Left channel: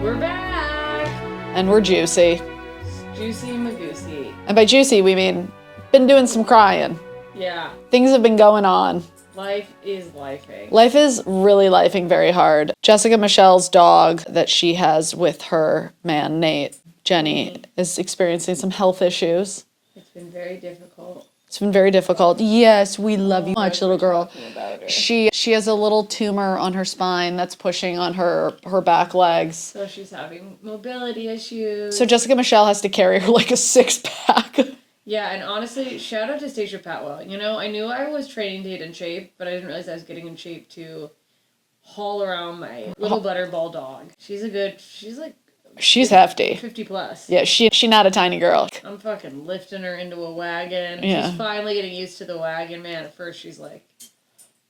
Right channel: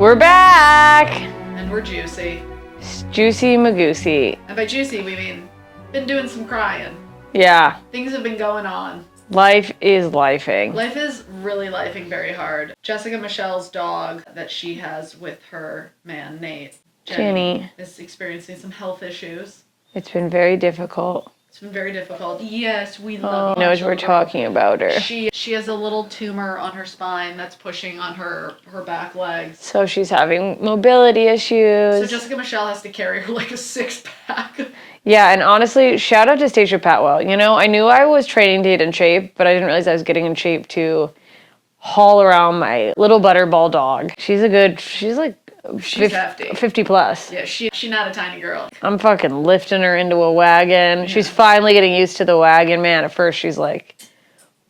We're back! And we're juicy. Juicy Magoosey. And by juicy, we mean been doing some crying. Yeah. Things have been going on. Life is lifing. Life is really lifing very hard. Jessica Michelle's dog that she has with her man, Nate, Jenny, is experiencing some health issues. It's been very difficult. It's been very difficult. Yes, we love you. Knows we're talking about her. She has a little tumor on her spine that's pushing on her back legs. So she's having mobility issues. So Jessica Michelle has to carry her like a 6-pack. Yeah, and honestly, shout out to Stacia Patwell. You know, I knew I was training to get in shape, but I didn't realize I was getting in shape to haul around my little butterball dog. She's hefty. 50 plus. Yeah, she not a tiny girl. I'm fucking lifting her into a wagon. Yeah. She's finally getting used to the wagon. Man, at first she's like,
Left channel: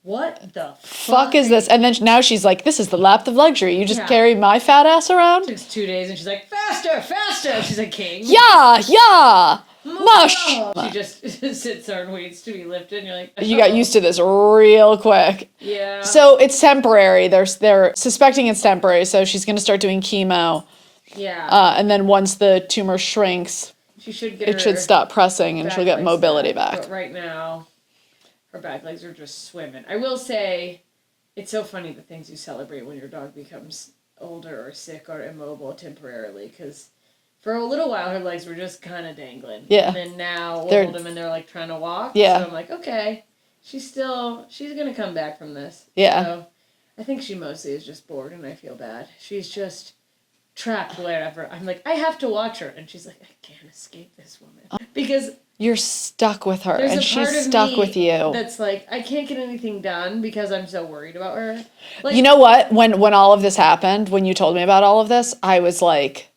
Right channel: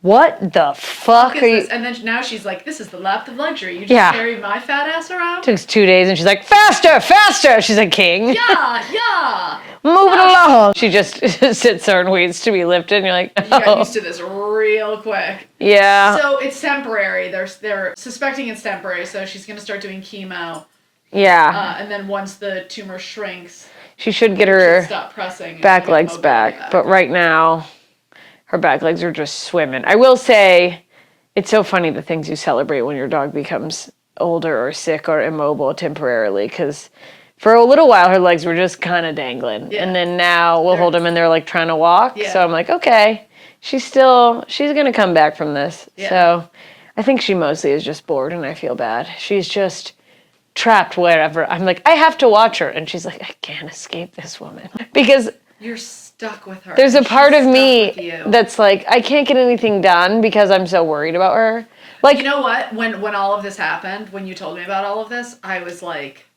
what the fuck is this? And then now she's like, this is the lap of luxury. You just carry my fat ass around? It took 2 days and she's like, faster, faster. She's a king. Yeah. Move along. She just sits there and waits to be lifted. And you're like, oh. You got used to this real quick. Yeah. So it's temporary. They're suspecting it's temporary. So she's going to start doing chemo. Yeah. And then once the tumor shrinks, she should get her should stop pressing and back she'll get legs mobility back. But right now, her back legs are just swimming. I will say, it's so funny the things you celebrate when your dog becomes older or sick or immobile temporarily, because for a little while her legs were just kind of dangling. Yeah. And then now we'll hold them and they're like trying to walk. Yeah. So I'm like, okay, she's going to come back from this. Yeah. So I think she mostly is just bored and I feel bad. She's just trapped wherever. I'm like, I have to watch her. And she's like, I can't escape this woman. Because you're stuck with her. There's a part of me that's like, I can't get anything done because I'm so worried about her. Like, you know what? When all of this happened, when you told me about all of this, I was like,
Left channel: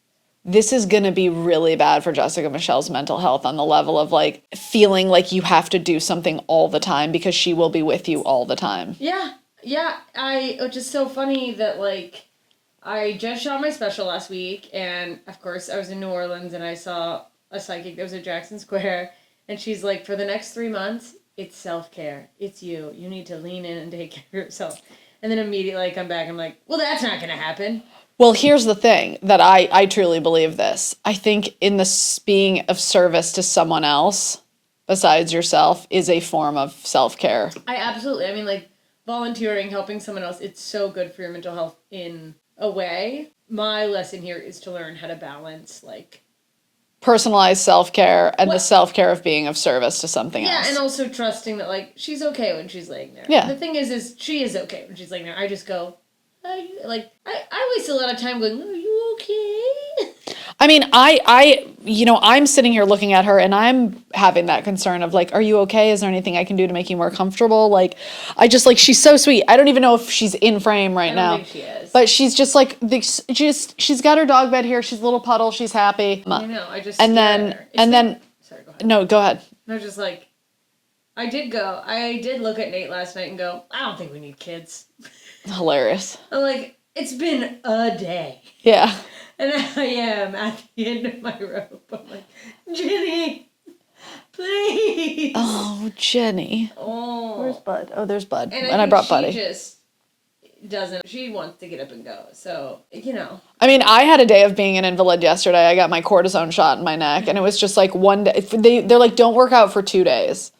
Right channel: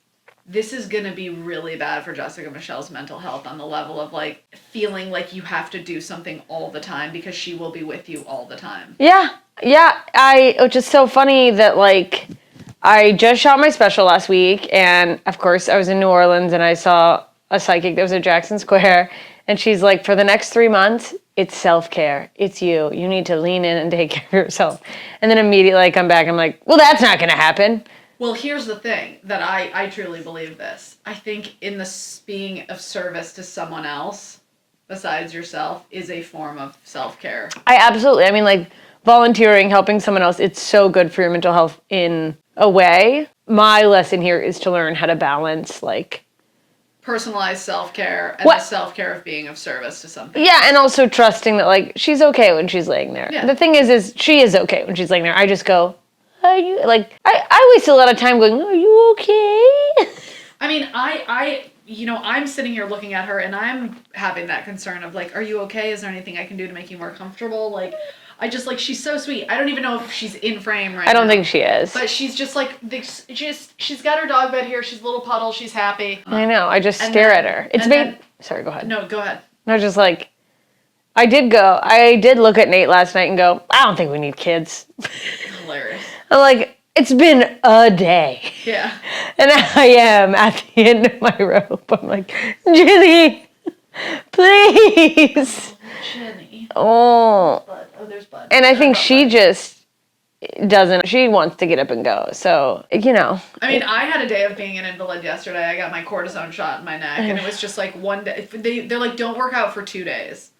this is going to be really bad for Jessica Michelle's mental health on the level of like feeling like you have to do something all the time because she will be with you all the time. Yeah. Yeah. Which is so funny that like, I just shot my special last week, and of course I was in New Orleans and I saw a psychic that was at Jackson Square, and she's like, for the next 3 months, it's self-care. It's you. You need to lean in and take care of yourself. And then immediately I come back, I'm like, well, that's not going to happen. Well, here's the thing that I truly believe this. I think in the being of service to someone else besides yourself is a form of self-care. I mean, like volunteering, helping someone else, it's so good for your mental health in a way. My lesson here is to learn how to balance like personalized self-care and the self-care of being of service to something else. And also trusting that like she's okay when she's laying there. Yeah. The thing is she is okay when she's laying there. I just go, are you, like, I waste a lot of time going, are you okay? I mean, I'm sitting here looking at her and I'm having that concern of like, are you okay? Is there anything I can do to make you more comfortable? Like, she's so sweet. I don't even know if she's in frame right now. I don't think she is. But she's just like, she's got her dog bed here. She's a little puddle. She's happy. I know. I just stare at her. Sorry, go ahead. No, go ahead. No, just like, I did look at Nate last night and go, I don't think we need kids. Hilarious. I'm like, it's been a day. Yeah. And I am at the end of my rope. I'm like, Jenny, please. Oh, Jenny. Oh. There's Bud. Oh, there's Bud. And I think she just she wants to get up and go. So, you know. I mean, I had a day of being an invalid yesterday. I got my cortisone shot in my neck. And it was just like one day. They're like, don't work out for 2 days.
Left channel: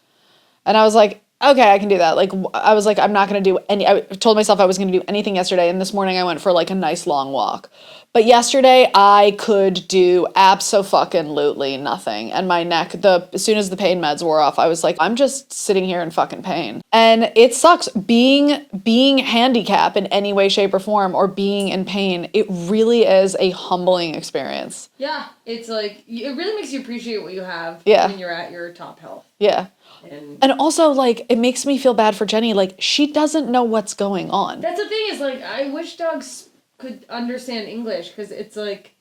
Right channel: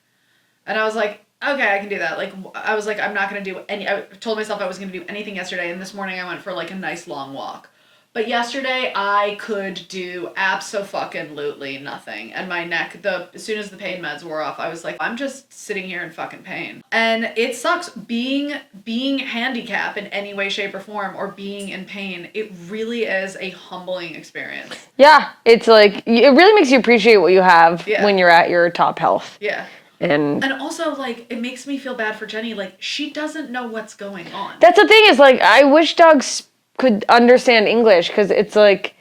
And I was like, okay, I can do that. Like, I was like, I'm not going to do I told myself I was going to do anything yesterday. And this morning I went for like a nice long walk. But yesterday I could do abso-fucking-lutely nothing. And my neck, as soon as the pain meds wore off, I was like, I'm just sitting here in fucking pain. And it sucks. Being handicapped in any way, shape, or form, or being in pain, it really is a humbling experience. Yeah. It's like, it really makes you appreciate what you have when you're at your top health. Yeah. And also, like, it makes me feel bad for Jenny. Like, she doesn't know what's going on. That's the thing is, like, I wish dogs could understand English, because it's like,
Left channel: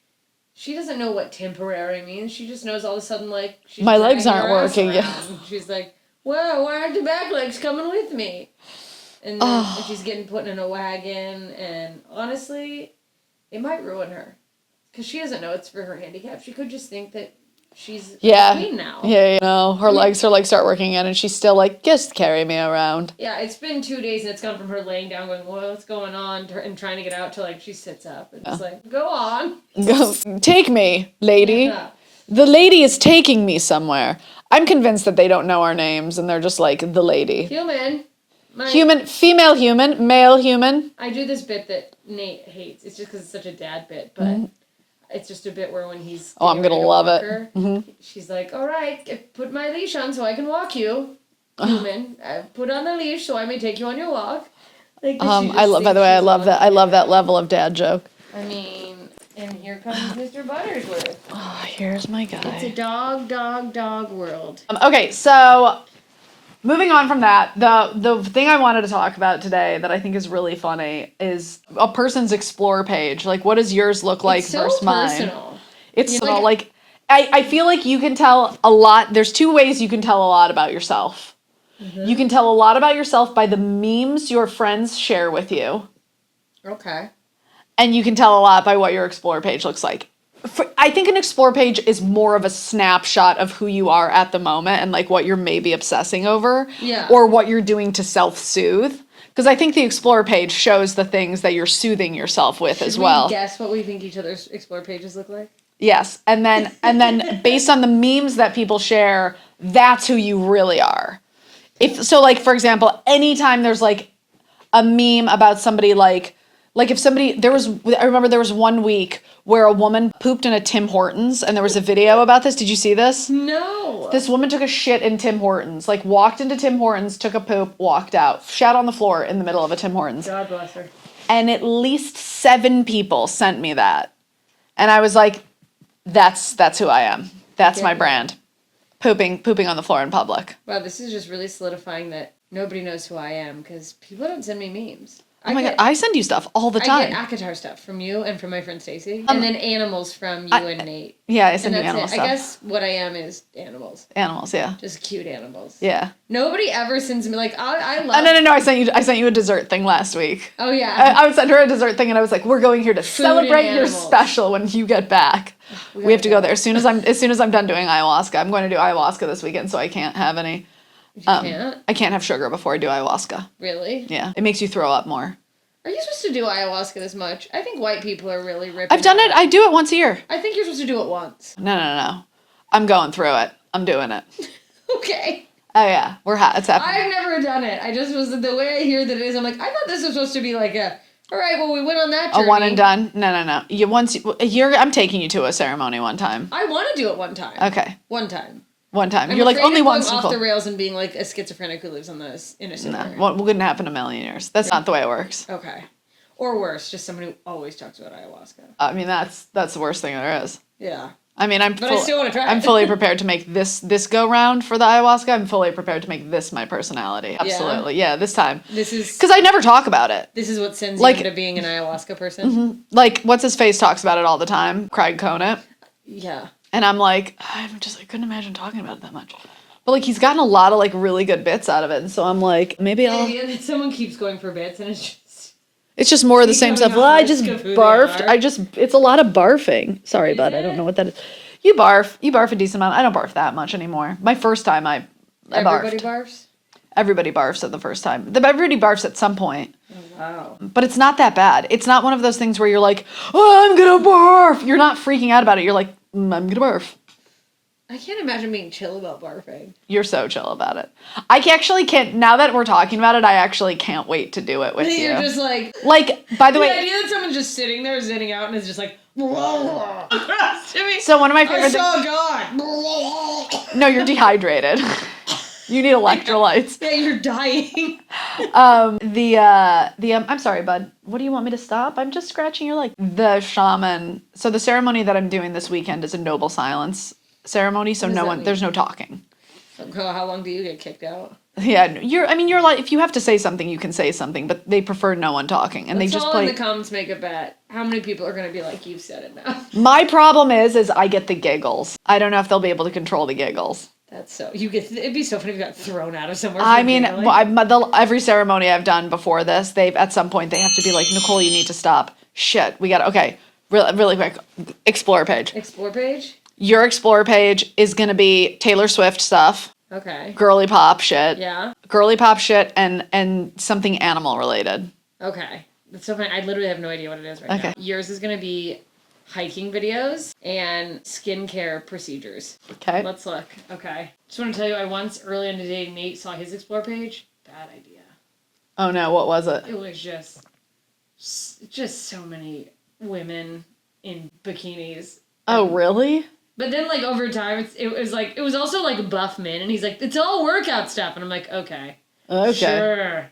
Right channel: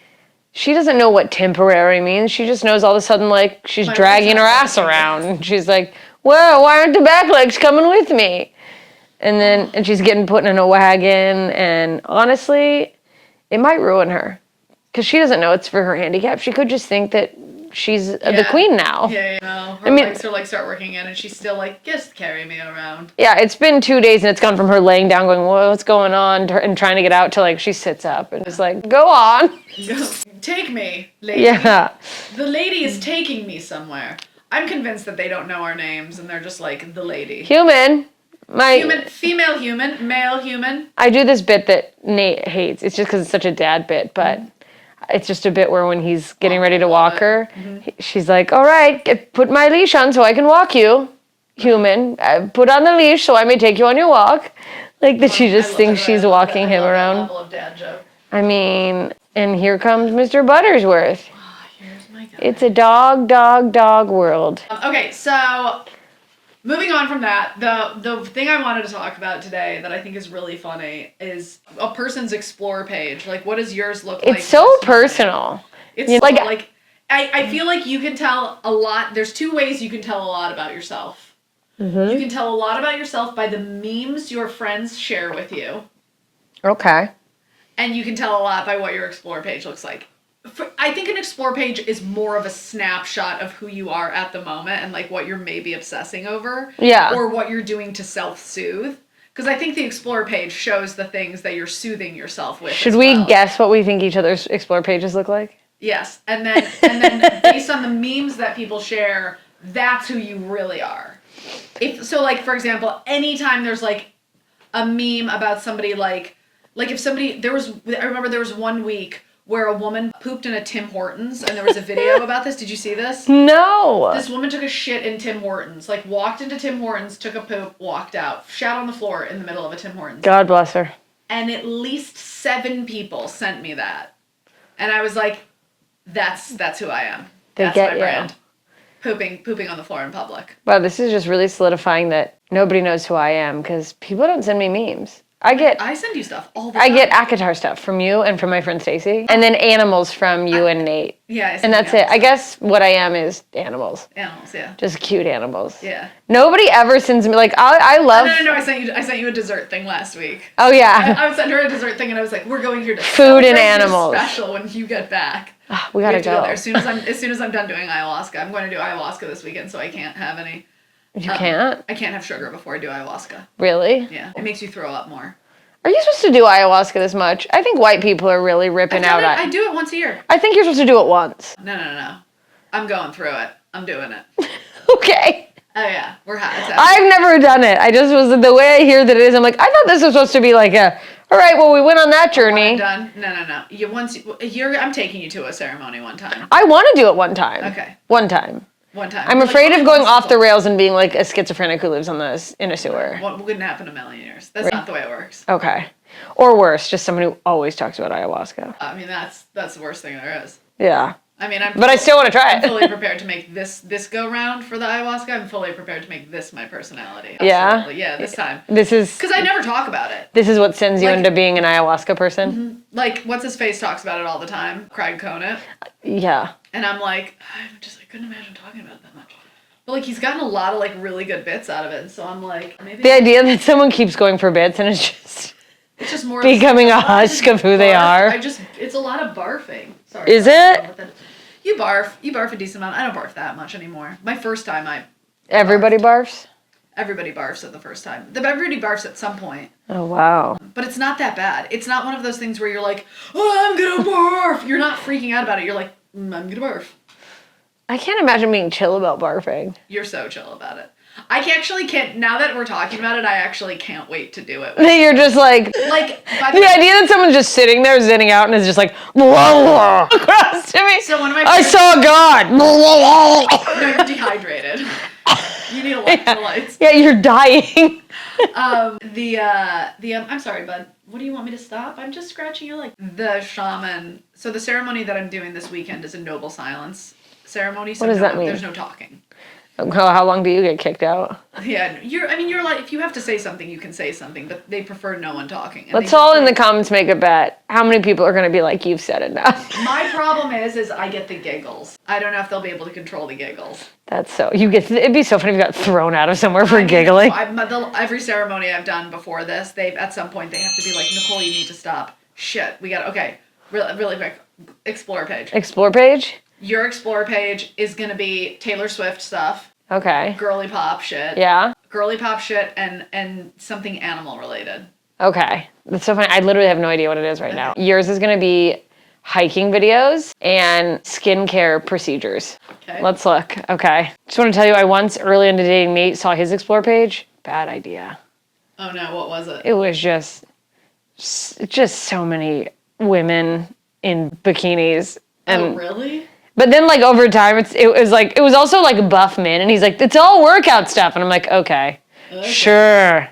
she doesn't know what temporary means. She just knows all of a sudden, like, she's dragging her ass around. And she's like, well, why aren't the back legs coming with me? And then, and she's getting put in a wagon. And honestly, it might ruin her, because she doesn't know it's for her handicap. She could just think that she's the queen now. Yeah. No, her legs are like start working again, and she's still like, just carry me around. Yeah, it's been 2 days, and it's gone from her laying down, going, what's going on, and trying to get out, to like she sits up and it's like, go on. Take me, lady. Yeah. The lady is taking me somewhere. I'm convinced that they don't know our names, and they're just like, the lady. Human. Female human, male human. I do this bit that Nate hates. It's just because it's such a dad bit, but it's just a bit where when he's getting ready to walk her, she's like, all right, put my leash on so I can walk you, human. Put on the leash so I may take you on your walk. Like, that she just thinks she's walking him around. I love that level of dad joke. I mean, and here comes Mr. Buttersworth. Oh, here's my guy. It's a dog world. Okay, so moving on from that, the thing I wanted to talk about today that I think is really funny is a person's explore page. Like, what does yours look like? It's so personal. It's so, like I feel like you can tell a lot. There's two ways you can tell a lot about yourself. Mm-hmm. You can tell a lot about yourself by the memes your friends share with you. Okay. And you can tell a lot by what your explore page looks like. I think an explore page is more of a snapshot of who you are at the moment and like what you're maybe obsessing over. Yeah. Or what you're doing to self-soothe. Because I think the explore page shows the things that you're soothing yourself with as well. Should we guess what we think each other's explore pages look like? Yes. And then based on the memes that people share, that's who you really are. So like, for example, anytime there's like a meme about somebody like if somebody, I remember there was 1 week where a woman pooped in a Tim Hortons, and there was a video about this. Did you see this? No. This woman took a shit in Tim Hortons, like walked into Tim Hortons, took a poop, walked out, shat on the floor in the middle of a Tim Hortons. God bless her. And at least 7 people sent me that. And I was like, that's who I am. That's my brand. Pooping on the floor in public. Wow, this is just really solidifying that nobody knows who I am, because people don't send me memes. I send you stuff all the time. I get ACOTAR stuff from you and from my friend Stacy, and then animals from you and Nate. Yeah, and that's it. Stuff. I guess what I am is animals. Animals, yeah. Just cute animals. Yeah. Nobody ever sends me I love. Oh, no. I sent you a dessert thing last week. Oh yeah. I sent her a dessert thing, and I was like, "We're going here to food celebrate and animals. Your special when you get back." We have to go there as soon as I'm done doing ayahuasca. I'm going to do ayahuasca this weekend, so I can't have any. You can't. I can't have sugar before I do ayahuasca. Really? Yeah, it makes you throw up more. Are you supposed to do ayahuasca this much? I think white people are really ripping out. I've done it. I do it once a year. I think you're supposed to do it once. No. I'm going through it. I'm doing it. Okay. Oh yeah, we're hot. I've never done it. I just was the way I hear that it is. I'm like, I thought this was supposed to be like a. All right, well, we went on that journey. One and done. No. I'm taking you to a ceremony one time. I want to do it one time. Okay. One time. I'm afraid of going off the rails and being like a schizophrenic who lives in a sewer. What wouldn't happen in a million years? That's not the way it works. Okay. Or worse, just someone who always talks about ayahuasca. I mean, that's the worst thing there is. Yeah. I mean, I still want to try it. I'm fully prepared to make this go round for the ayahuasca. I'm fully prepared to make this my personality. Absolutely. Yeah, this time. This is... Because I never talk about it. This is what sends you into being an ayahuasca person? Mm-hmm. Like, what's-his-face talks about it all the time. Craig Conant. Yeah. And I'm like, I couldn't imagine talking about it that much. But, like, he's gotten a lot of, like, really good bits out of it. And so I'm like, maybe The idea that someone keeps going for bits and it's just more of the same becoming stuff. a husk of who they are. It's a lot of barfing. Sorry. Is it? I don't it? know what that is. You barf a decent amount. I don't barf that much anymore. My first time Everybody barfs? Everybody barfs at the first time. Everybody barfs at some point. Oh, wow. But it's not that bad. It's not one of those things where you're like, oh, I'm gonna barf. You're not freaking out about it. You're like, I'm gonna barf. I can't imagine being chill about barfing. You're so chill about it. I actually can't, now that we're talking about it, I actually can't wait to do it with You're just like... by the way... The idea that someone's just sitting there zinning out and is just like, whoa, across to me. So one of my I saw God. No, you're dehydrated. You need electrolytes. Yeah, you're dying. I'm sorry, bud. What do you want me to stop? I'm just scratching your leg. The shaman, so the ceremony that I'm doing this weekend is a noble silence ceremony, so there's no talking. How long do you get kicked out? Yeah, you're like, if you have to say something, you can say something, but they prefer no one talking. And Let's all in the comments make a bet. How many people are going to be like, you've said it now? My problem is I get the giggles. I don't know if they'll be able to control the giggles. That's so, it'd be so funny if you got thrown out of somewhere for giggling. Every ceremony I've done before this, at some point they have to be like, Nicole, you need to stop. Shit, okay, really quick. Explore page. Explore page? Your Explore page is going to be Taylor Swift stuff, Okay. girly pop shit. Yeah. Girly pop shit and something animal related. Okay. That's so funny. I literally have no idea what it is right now. Yours is going to be hiking videos and skincare procedures. Okay. Let's look. Okay. Just want to tell you, I once early into dating Nate saw his Explore page. Bad idea. Oh no, what was it? It was just so many women in bikinis. Oh, really? But then, like, over time, it was also like buff men, and he's like, it's all workout stuff, and I'm like, okay. Sure.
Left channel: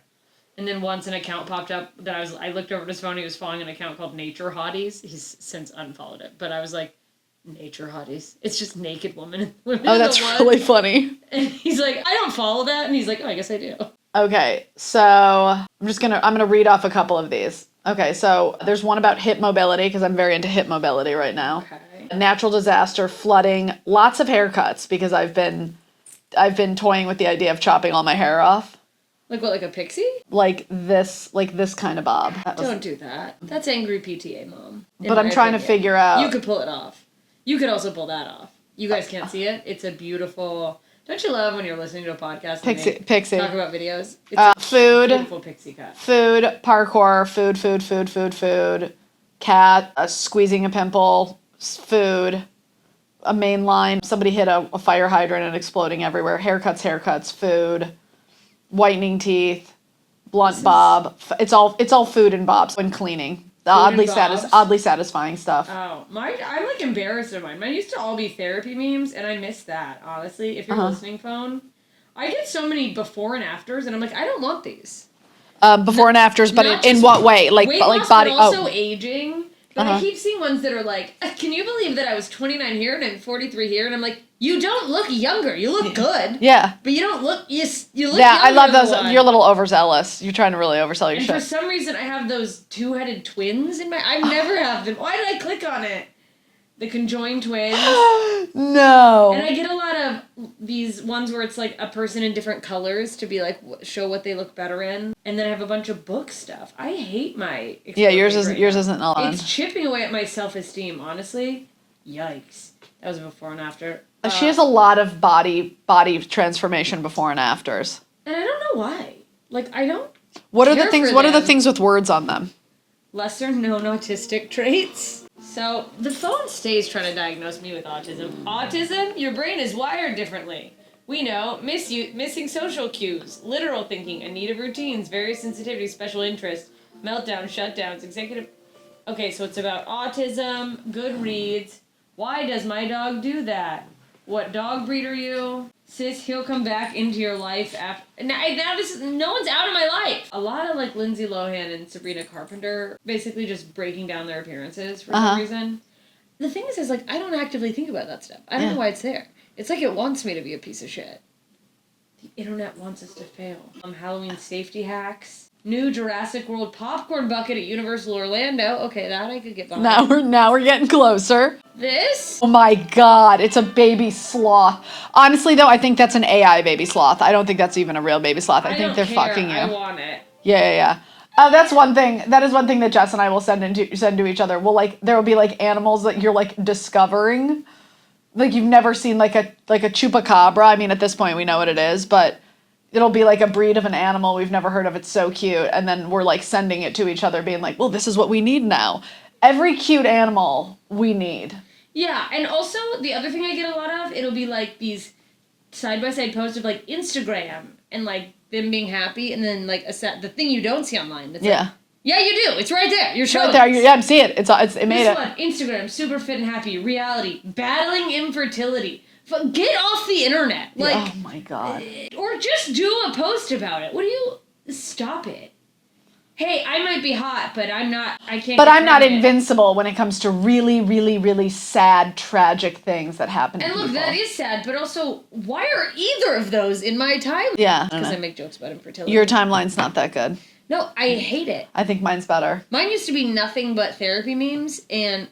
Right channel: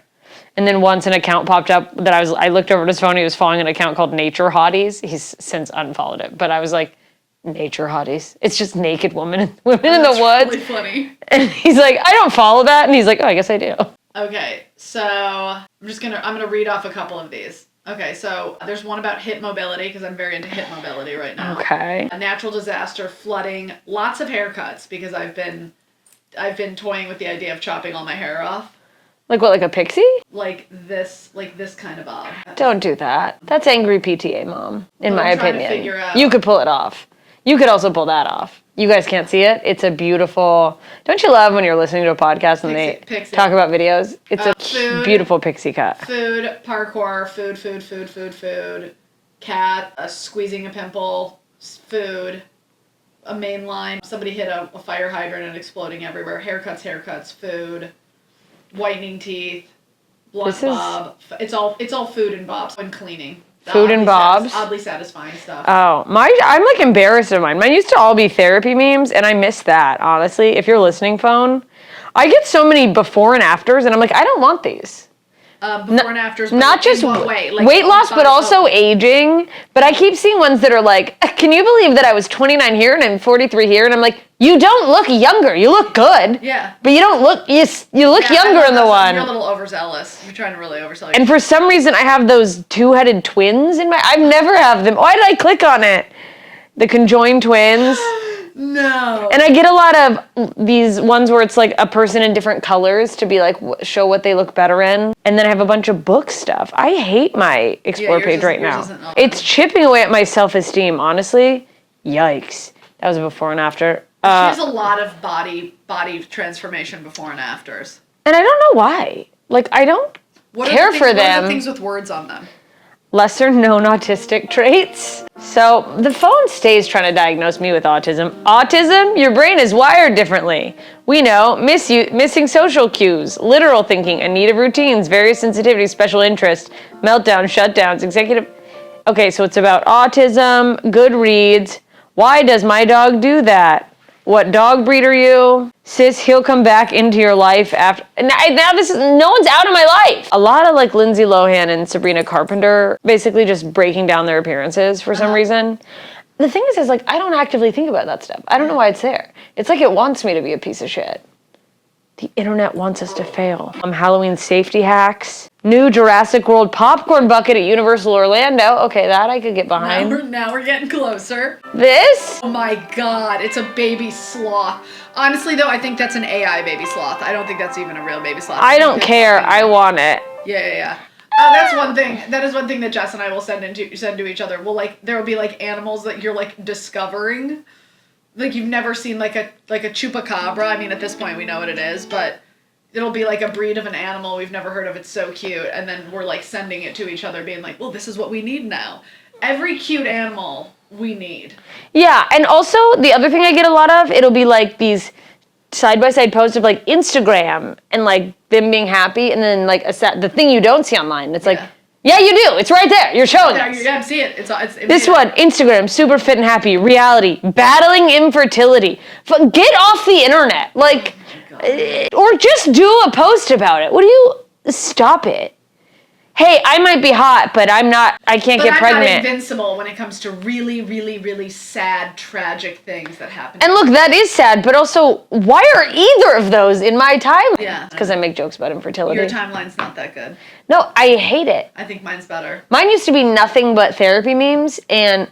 And then once an account popped up that I looked over at his phone, he was following an account called Nature Hotties. He's since unfollowed it, but I was like, Nature Hotties. It's just naked women in the woods. That's really funny. And he's like, I don't follow that, and he's like, oh, I guess I do. Okay, so I'm gonna read off a couple of these. Okay, so there's one about hip mobility, because I'm very into hip mobility right now. Okay. A natural disaster, flooding, lots of haircuts, because I've been toying with the idea of chopping all my hair off. Like what, like a pixie? Like this kind of bob. Don't do that. That's angry PTA mom, in But my I'm trying opinion. to figure out. You could pull it off. You could also pull that off. You guys can't see it. It's a beautiful... Don't you love when you're listening to a podcast and Pixie. they talk about videos? It's a food, beautiful pixie cut. Food, parkour, food. Cat, squeezing a pimple, food, a main line, somebody hit a fire hydrant and exploding everywhere, haircuts, food, whitening teeth, blunt bob. It's all food and bobs when cleaning. Food and bobs. Oddly satisfying stuff. Oh, I'm like embarrassed of mine. Mine used to all be therapy memes, and I miss that, honestly. If you're listening, phone, I get so many before and afters, and I'm like, I don't want these. Before and afters, but not just in what way? Like weight loss, body, but also aging. But I keep seeing ones that are like, can you believe that I was 29 here and I'm 43 here? And I'm like, you don't look younger. You look good. Yeah. But you don't look, you look younger than the one. You're a little overzealous. You're trying to really oversell yourself. And for some reason, I have those two-headed twins in my, I've never have them. Why did I click on it? The conjoined twins. No. And I get a lot of these ones where it's like a person in different colors to be like, show what they look better in. And then I have a bunch of book stuff. I hate my Explore page right now. Yours isn't on. It's chipping away at my self-esteem, honestly. Yikes. That was a before and after. She has a lot of body transformation before and afters. And I don't know why. Like, I don't care for them. What are the things with words on them? Lesser known autistic traits. So the phone stays trying to diagnose me with autism. Autism? Your brain is wired differently. We know, missing social cues, literal thinking, a need of routines, various sensitivities, special interest, meltdowns, shutdowns, executive... Okay, so it's about autism, good reads. Why does my dog do that? What dog breed are you? Sis, he'll come back into your life after... Now this is... No one's out of my life. A lot of like Lindsay Lohan and Sabrina Carpenter basically just breaking down their appearances for some reason. The thing is like, I don't actively think about that stuff. I don't know why it's there. It's like it wants me to be a piece of shit. The internet wants us to fail. Halloween safety hacks. New Jurassic World popcorn bucket at Universal Orlando. Okay, that I could get behind. Now we're getting closer. This? Oh my god, it's a baby sloth. Honestly though, I think that's an AI baby sloth. I don't think that's even a real baby sloth. I don't care. I want it. Yeah. That's one thing. That is one thing that Jess and I will send to each other. Well, like there will be like animals that you're like discovering, like you've never seen like a chupacabra. I mean, at this point we know what it is, but it'll be like a breed of an animal we've never heard of. It's so cute, and then we're like sending it to each other, being like, "Well, this is what we need now." Every cute animal we need. Yeah, and also the other thing I get a lot of, it'll be like these side-by-side posts of like Instagram and like them being happy, and then like the thing you don't see online. It's like, yeah, you do. It's right there. You're showing it. Yeah, I'm seeing it. This one, Instagram, super fit and happy. Reality, battling infertility. Get off the internet. Like, oh my God. Or just do a post about it. Stop it. Hey, I might be hot, but I can't get pregnant. But I'm not invincible when it comes to really, really, really sad, tragic things that happen. And look, that is sad, but also, why are either of those in my timeline? Yeah. Because I make jokes about infertility. Your timeline's not that good. No, I hate it. I think mine's better. Mine used to be nothing but therapy memes, and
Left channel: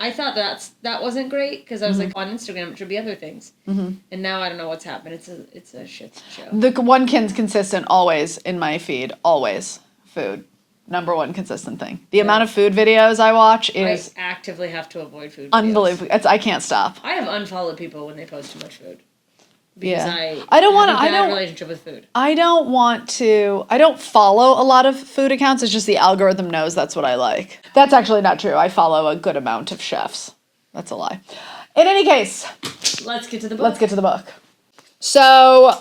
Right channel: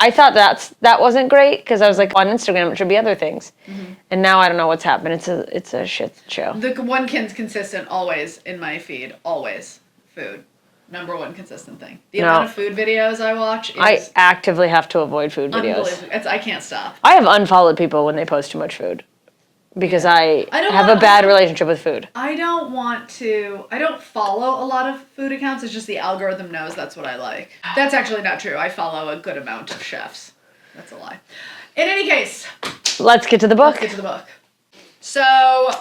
I thought that wasn't great, because I was like, on Instagram, it should be other things. Mm-hmm. And now I don't know what's happened. It's a shit show. The one consistent always in my feed, always. Food. number one consistent thing. The amount of food videos I watch is I actively have to avoid food videos. unbelievable. I can't stop. I have unfollowed people when they post too much food because I don't have wanna- a bad relationship with food. I don't follow a lot of food accounts. It's just the algorithm knows that's what I like. That's actually not true. I follow a good amount of chefs. That's a lie. In any case, Let's get to the book. So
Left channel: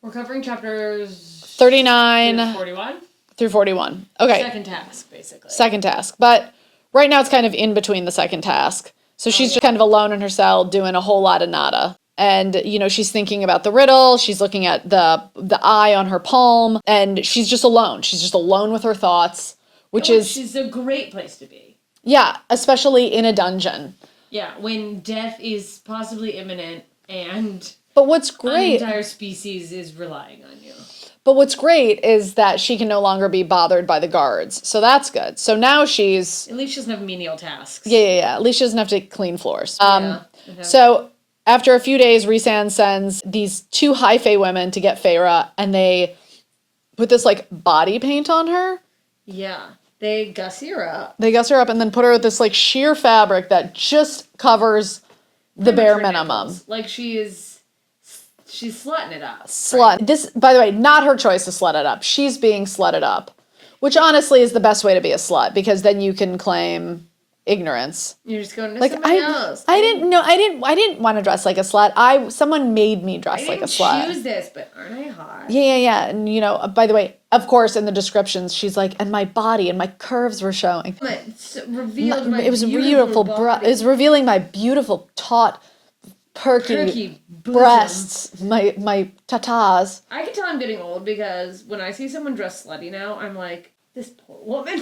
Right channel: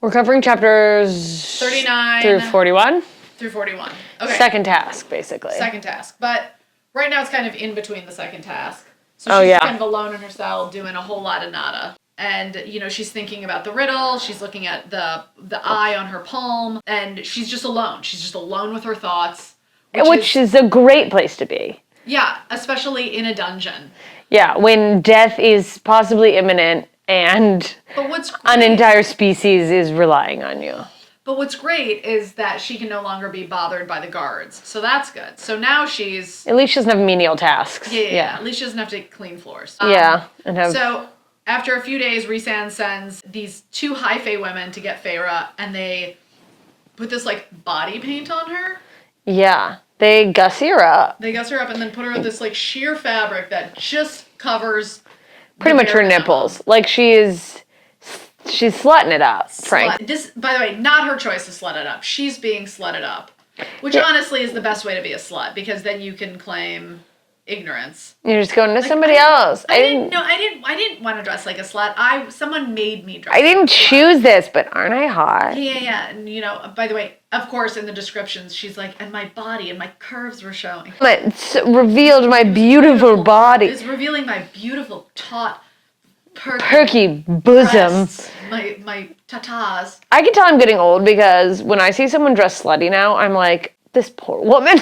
We're covering chapters 39 through 41. through 41. Okay. Second task, basically. Second task. But right now it's kind of in between the second task. So she's just kind of alone in her cell doing a whole lot of nada. And, she's thinking about the riddle. She's looking at the eye on her palm. And she's just alone. She's just alone with her thoughts. Which is a great place to be. Yeah, especially in a dungeon. Yeah, when death is possibly imminent and But what's great, an entire species is relying on you. But what's great is that she can no longer be bothered by the guards. So that's good. So now she's... At least she doesn't have menial tasks. Yeah. At least she doesn't have to clean floors. So after a few days, Rhysand sends these 2 high fae women to get Feyre, and they put this, body paint on her. Yeah. They gussy her up. They guss her up and then put her with this, sheer fabric that just covers Pretty much her minimum. nipples. She's slutting it up. Slut. This, by the way, not her choice to slut it up. She's being slutted up. Which honestly is the best way to be a slut, because then you can claim ignorance. You're just going to somebody else. I didn't want to dress like a slut. Someone made me dress I like a didn't slut. choose this, but aren't I hot? Yeah. And by the way, of course, in the descriptions, she's like, and my body and my curves were showing. It revealed my It was beautiful body. It's revealing my beautiful, taut, perky bosom. breasts, my tatas. I can tell I'm getting old because when I see someone dressed slutty now, I'm like, this poor woman.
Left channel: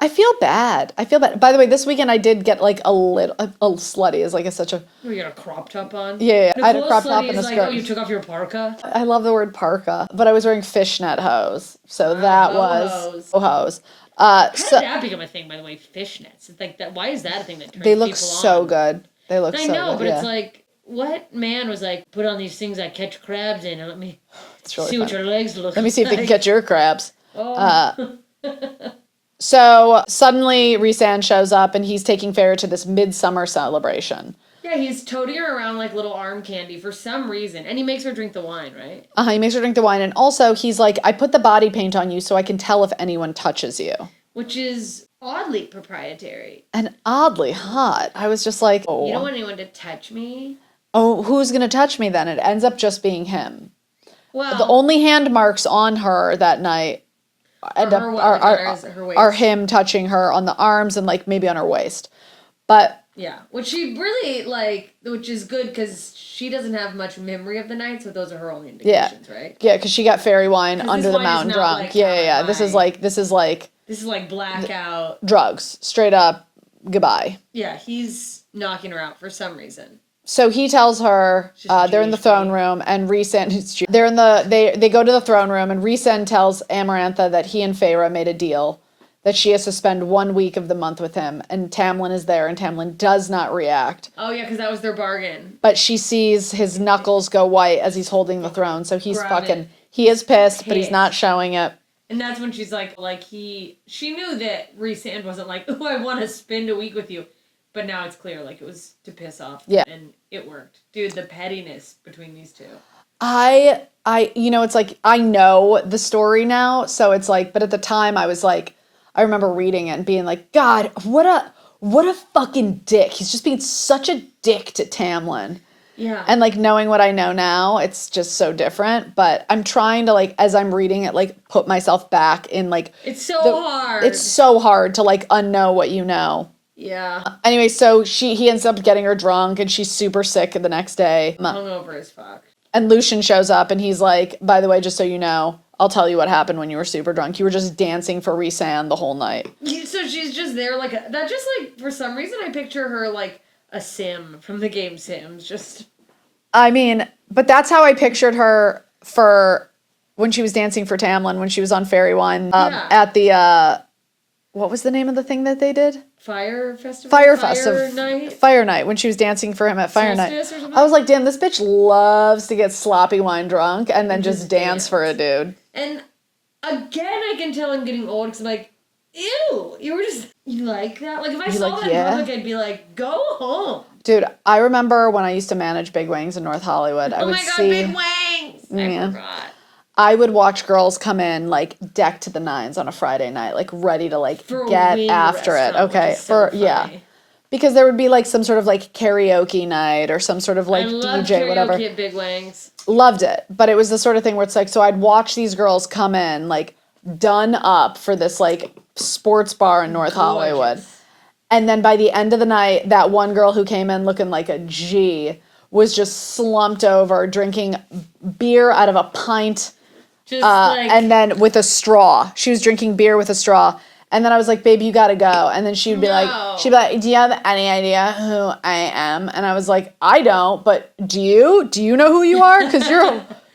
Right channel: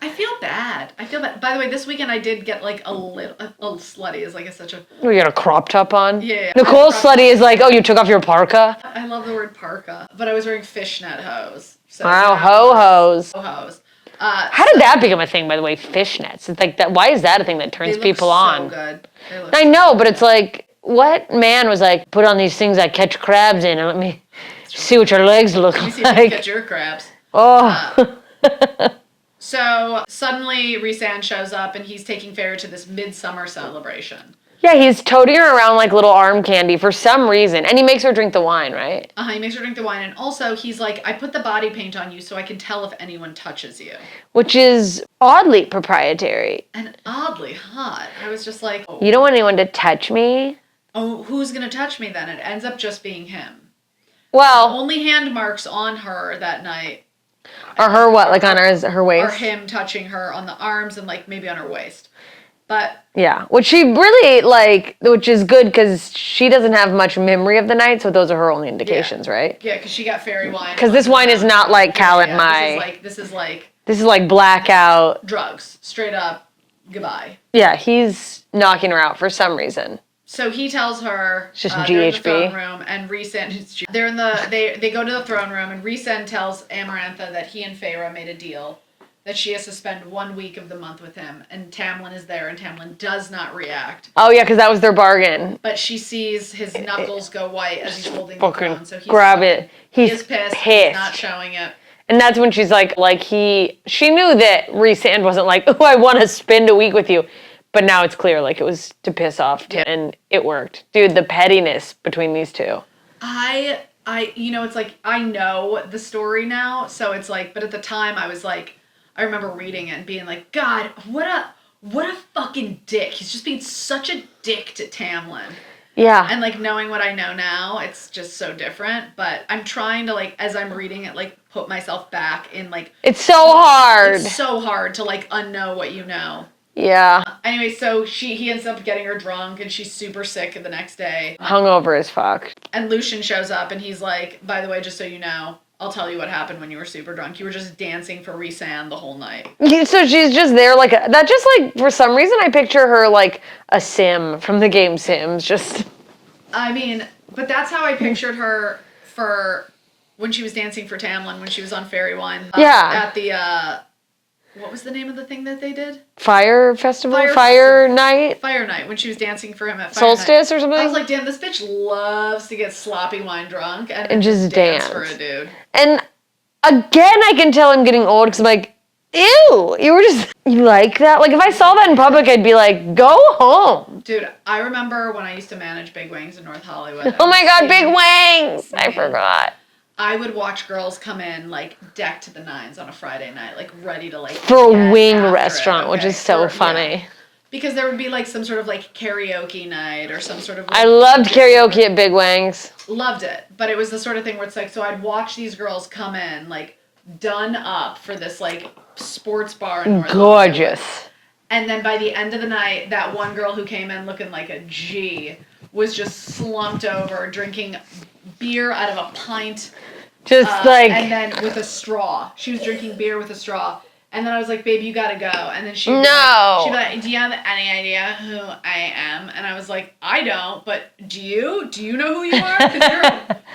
I feel bad. By the way, this weekend I did get a little slutty is such a... You got a crop top on? Yeah. Nicole slutty is like, oh, you took off your parka? I love the word parka, but I was wearing fishnet hose. So Ho-hos. Ho-hos. How did that become a thing, by the way, fishnets? It's like that. Why is that a thing that turns people on? They look so good. They look I so know, good, but it's like, what man was like, put on these things I catch crabs in and let me see what your legs look like. Let me see if you can catch your crabs. Oh. So suddenly Rhysand shows up and he's taking Feyre to this midsummer celebration. Yeah, he's toting her around like little arm candy for some reason. And he makes her drink the wine, right? He makes her drink the wine. And also he's like, I put the body paint on you so I can tell if anyone touches you. Which is oddly proprietary. And oddly hot. I was just like, oh. You don't want anyone to touch me? Oh, who's going to touch me then? It ends up just being him. Well, the only hand marks on her that night on her waist? Are him touching her on the arms and maybe on her waist. But yeah, which is good because she doesn't have much memory of the night, so those are her only indications, right? Yeah, because she got fairy wine. Because this wine is not like Cal and Mai. This is like blackout drugs, straight up goodbye. Yeah, he's knocking her out for some reason. So he tells her they're in the throne room, and Rhysand. They go to the throne room, and Rhysand tells Amarantha that he and Feyre made a deal that she has to spend 1 week of the month with him, and Tamlin is there, and Tamlin does not react. Oh yeah, because that was their bargain. But she sees his knuckles go white as he's holding the throne, so he's He is pissed, but he's not showing it. And that's when she's she knew that Rhysand wasn't like, oh, I want to spend a week with you. But now it's clear, it was to piss off, and it worked. Dude, the pettiness between these two. It's like, I know the story now, so it's like, but at the time I was like, I remember reading it and being like, God, what a fucking dick. He's just being such a dick to Tamlin. Yeah. And knowing what I know now, it's just so different. But I'm trying to as I'm reading it, put myself back in It's so hard. It's so hard to unknow what you know. Yeah. Anyway, so he ends up getting her drunk, and she's super sick the next day. Hungover as fuck. And Lucian shows up, and he's like, by the way, just so you know, I'll tell you what happened when you were super drunk. You were just dancing for Rhysand the whole night. So she's just there for some reason I picture her like a Sim from the game Sims. Just. I mean, but that's how I pictured her for when she was dancing for Tamlin, when she was on Fairy Wine. At the, what was the name of the thing that they did? Fire Festival? Fire Night? Fire Night, when she was dancing for him at Fire Solstice Night. or something? I was like, damn, this bitch loves to get sloppy wine drunk and then just dance for a dude. And again, I can tell I'm getting old because I'm like, ew, you like that? Like, if I saw that in public, I'd be like, go home. Dude, I remember when I used to manage Big Wings in North Hollywood. Oh my God, Big Wings! I forgot. I would watch girls come in, like, decked to the nines on a Friday night, like, ready to, like, For get a wing after restaurant, which is so funny. Yeah. Because there would be, like, some sort of, like, karaoke night or some sort of, like, I loved DJ, karaoke whatever. at Big Wings. Loved it. But it was the sort of thing where it's like, so I'd watch these girls come in, like, done up for this, like, sports bar in North Hollywood. And then by the end of the night, that one girl who came in looking like a G was just slumped over, drinking beer out of a pint. And then with a straw. She was drinking beer with a straw. And then I was like, baby, you gotta go. And then she'd be like, do you have any idea who I am? And I was like, I don't, but do you? Do you know who you are? Because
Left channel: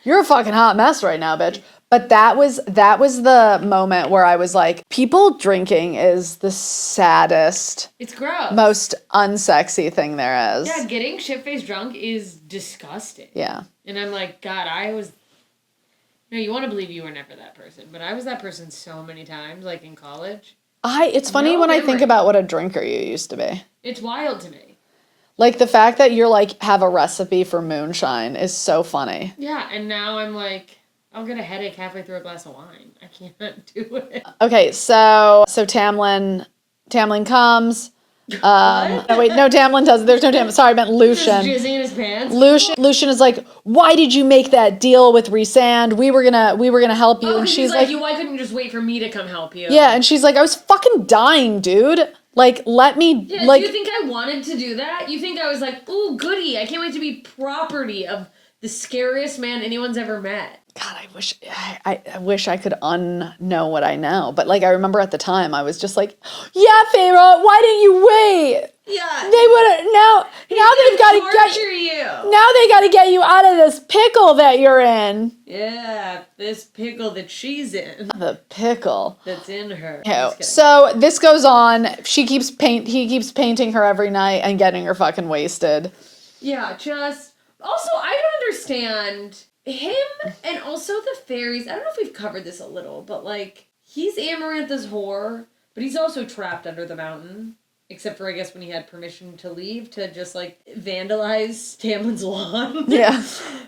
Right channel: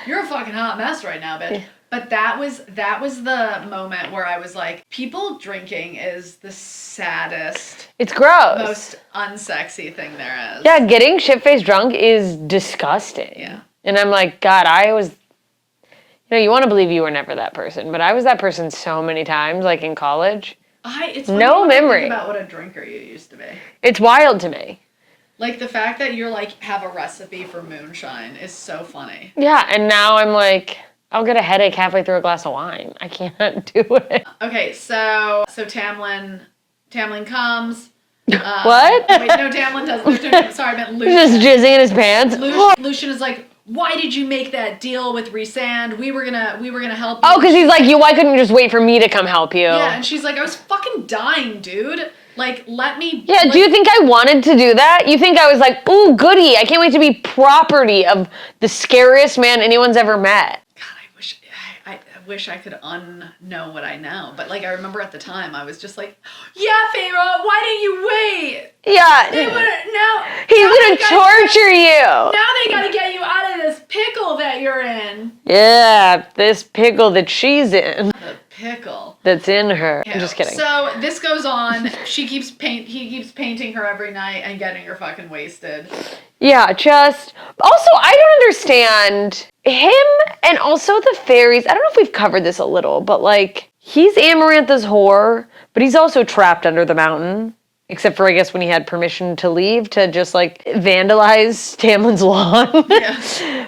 you're a fucking hot mess right now, bitch. But that was the moment where I was like, people drinking is the saddest. It's gross. Most unsexy thing there is. Yeah, getting shit-faced drunk is disgusting. Yeah. And I'm like, God, you want to believe you were never that person, but I was that person so many times, like in college. It's funny when I think about what a drinker you used to be. It's wild to me. Like, the fact that you're, like, have a recipe for moonshine is so funny. Yeah, and now I'm like, I'll get a headache halfway through a glass of wine. I can't do it. Okay, so Tamlin comes. What? Oh, wait, no, Tamlin doesn't. There's no Tamlin. Sorry, I meant Lucian. He's just jizzing in his pants. Lucian is like, why did you make that deal with Rhysand? We were gonna help you. Oh, because he's like, why couldn't you just wait for me to come help you? Yeah, and she's like, I was fucking dying, dude. Like, let me. Yeah, do you think I wanted to do that? You think I was like, ooh, goody, I can't wait to be property of the scariest man anyone's ever met. God, I wish I could unknow what I know. But, like, I remember at the time, I was just like, yeah, Feyre, why didn't you wait? Yeah. They would have, now. He's going to torture you. Now they got to get you out of this pickle that you're in. Yeah, this pickle that she's in. The pickle. That's in her. I'm just kidding. So, this goes on. He keeps painting her every night and getting her fucking wasted. Yeah, also, I don't understand him and also the fairies. I don't know if we've covered this a little, but like, he's Amarantha's whore, but he's also trapped under the mountain. Except for, I guess, when he had permission to leave to just like vandalize Tamlin's lawn. Yeah.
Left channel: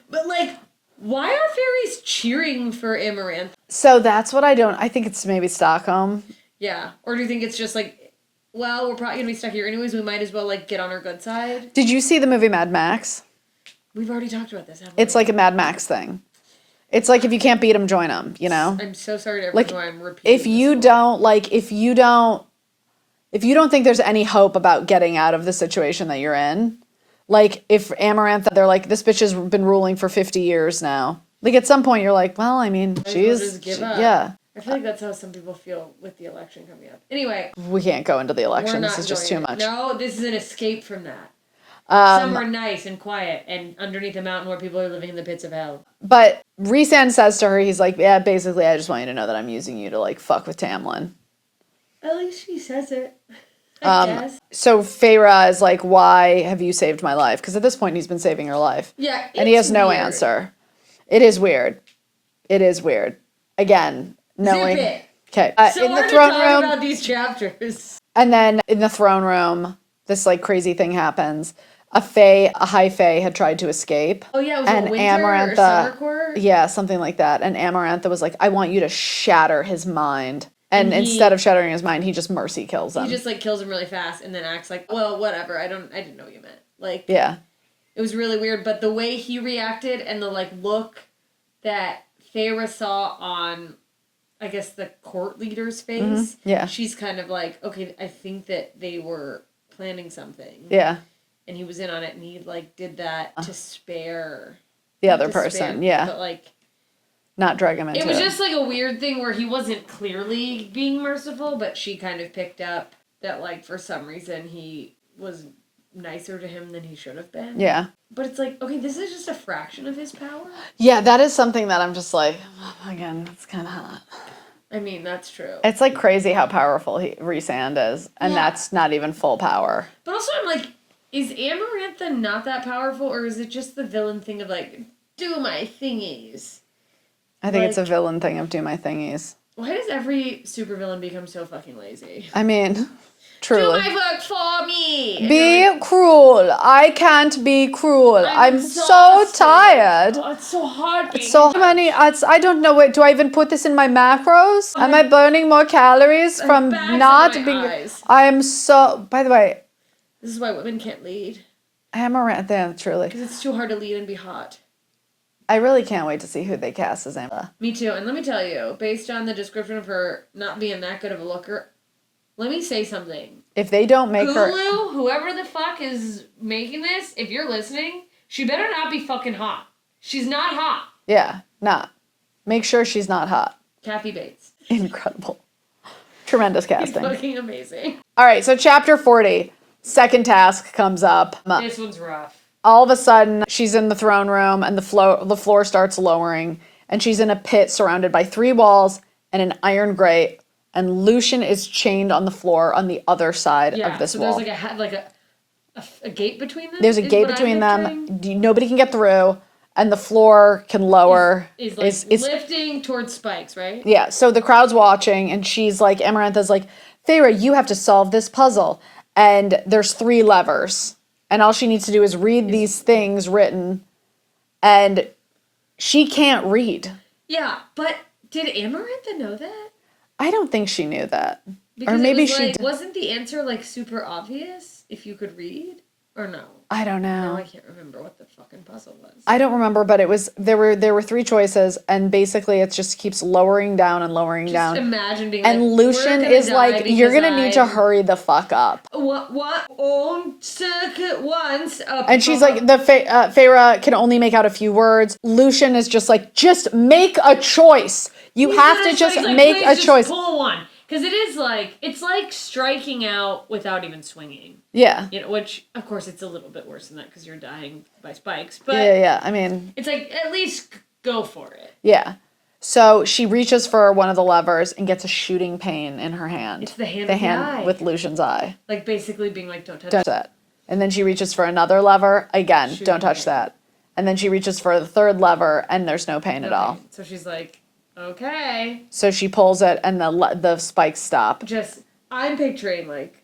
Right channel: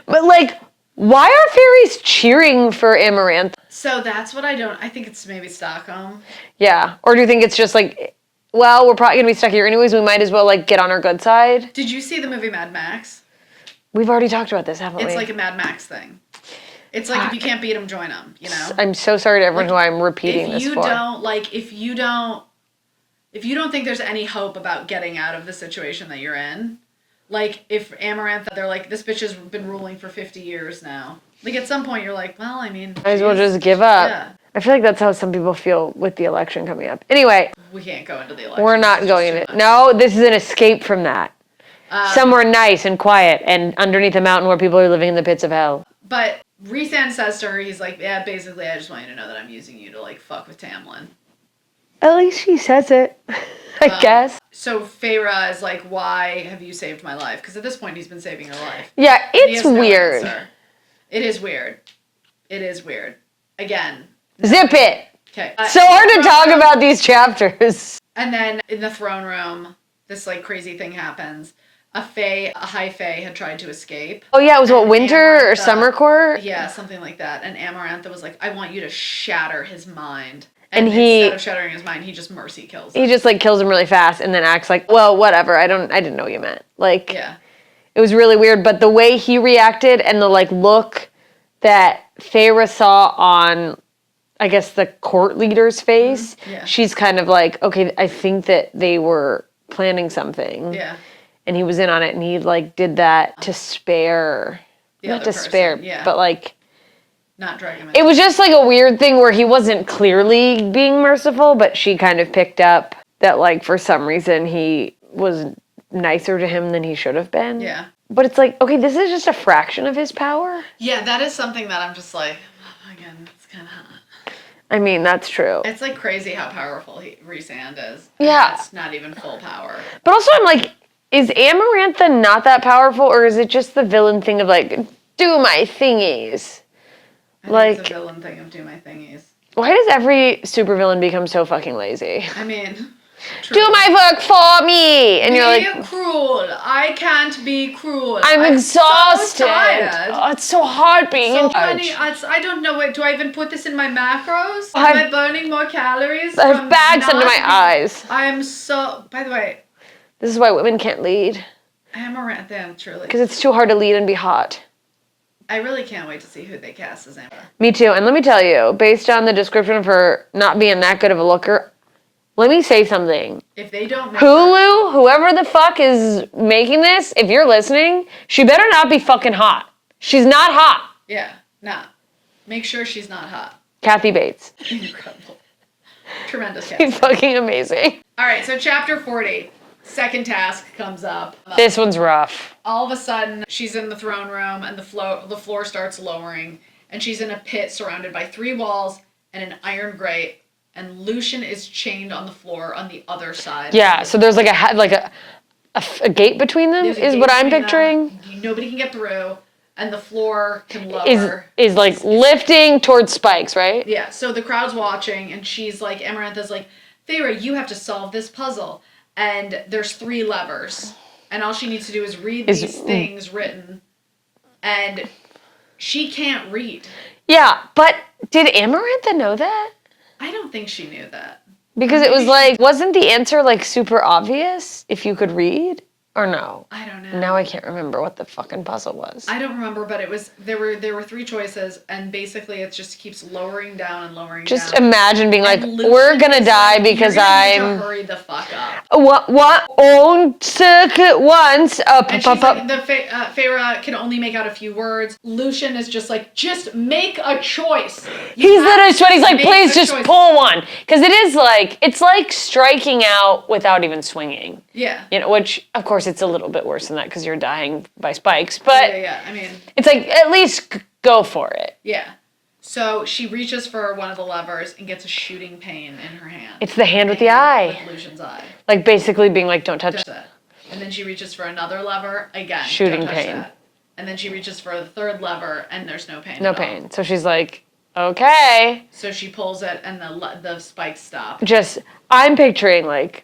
But like, why are fairies cheering for Amarantha? So that's what I think it's maybe Stockholm. Yeah. Or do you think it's just like, well, we're probably going to be stuck here anyways. We might as well, like, get on our good side. Did you see the movie Mad Max? We've already talked about this, haven't we? It's like a Mad Max thing. It's like, if you can't beat them, join them, you know? I'm so sorry to everyone who I'm repeating if you don't think there's any hope about getting out of the situation that you're in, like, if Amarantha, they're like, this bitch has been ruling for 50 years now. Like, at some point, you're like, well, I mean... Might as well just give up. Yeah. I feel like that's how some people feel with the election coming up. Anyway. We can't go into the election. We're not going to. No, this is an escape from that. Somewhere nice and quiet and underneath a mountain where people are living in the pits of hell. But Rhysand says to her, he's like, yeah, basically, I just want you to know that I'm using you to, like, fuck with Tamlin. At least she says it, I guess. So Feyre is like, why have you saved my life? Because at this point, he's been saving her life. Yeah, it's and he has no weird. Answer. It is weird. It is weird. Again. Zip it. Okay. So hard to talk about these chapters. And then in the throne room, this like crazy thing happens. A high fae had tried to escape. Oh yeah, it was winter or summer court? Yeah, something like that. And Amarantha was like, I want you to shatter his mind. And instead of shattering his mind, he just mercy kills him. He just like kills him really fast and then acts like, well, whatever. I didn't know what you meant. Like, yeah, it was really weird. But the way he reacted and the like look that Feyre saw on, I guess, the court leader's face. Mm-hmm. Yeah, she's kind of like, okay, I think that they were planning something. Yeah, and he was in on it, and he like did that to spare the other person. Yeah, but like. Not drag him into it was just like a weird thing where he wasn't clearly being merciful, but she kind of picked up that like for some reason he was nicer to him than he should have been. Yeah. But it's like, okay, this is just a fraction of his power. Yeah, that is something that I'm just like, again, it's kind of hot. I mean, that's true. It's like crazy how powerful Rhysand is. And that's not even full power. But also I'm like, is Amarantha not that powerful, or is it just the villain thing of like, do my thingies? I think it's a villain thing of do my thingies. Why does every supervillain become so fucking lazy? I mean, truly. Do my work for me! And be cruel. I can't be cruel. I'm exhausted. So tired. Oh, it's so hard being So in charge. many. I don't know. Do I even put this in my macros? Am I burning more calories from bags not under my eyes. I'm so. By the way, this is why women can't lead. Amaranth, yeah, truly. Because it's too hard to lead and be hot. I really can't wait to see who they cast as Amber. Me too. And let me tell you, based on the description of her not being that good of a looker, let me say something. If they don't make Hulu, whoever the fuck is making this, if you're listening, she better not be fucking hot. She's not hot. Yeah, nah. Make sure she's not hot. Kathy Bates. Incredible. Tremendous casting. Fucking amazing. All right, so chapter 40. Second task comes up. This one's rough. All of a sudden, she's in the throne room and the floor starts lowering, and she's in a pit surrounded by 3 walls and an iron grate, and Lucian is chained on the floor on the other side. Yeah, of this so there's wall. a gate between them. There's a is gate what I'm between picturing. them. Nobody can get through, and the floor can lower. Is lifting towards spikes, right? Yeah. So the crowd's watching, and she's like, Amarantha's like, Feyre, you have to solve this puzzle. And there's 3 levers. And all she needs to do is read these things written. And she can't read. Yeah, but did Amarantha know that? I don't think she knew that. Because it was like, wasn't the answer like super obvious if you could read? Or no? I don't know. Now I can't remember what the fucking puzzle was. I don't remember, but it was there were 3 choices, and basically it just keeps lowering down and lowering down. Just imagine being like, And Lucian we're gonna is die like, because you're gonna need to hurry the fuck up. What? On circuit once. And she's like, Feyre can only make out a few words. Lucian is just like, just make a choice. He's like, please just pull one. Because it's like striking out without even swinging. Yeah. You know, which, of course, it's a little bit worse than that because you're dying by spikes. But yeah, I mean, it's like, at least go for it. Yeah. So she reaches for one of the levers and gets a shooting pain in her hand. It's the hand with the eye. With Lucian's eye. Like basically being like, don't touch that. And then she reaches for another lever. Again, don't touch that. And then she reaches for the 3rd lever and there's no pain at all. No pain. So she's like, okay. So she pulls it and the spikes stop. I'm picturing like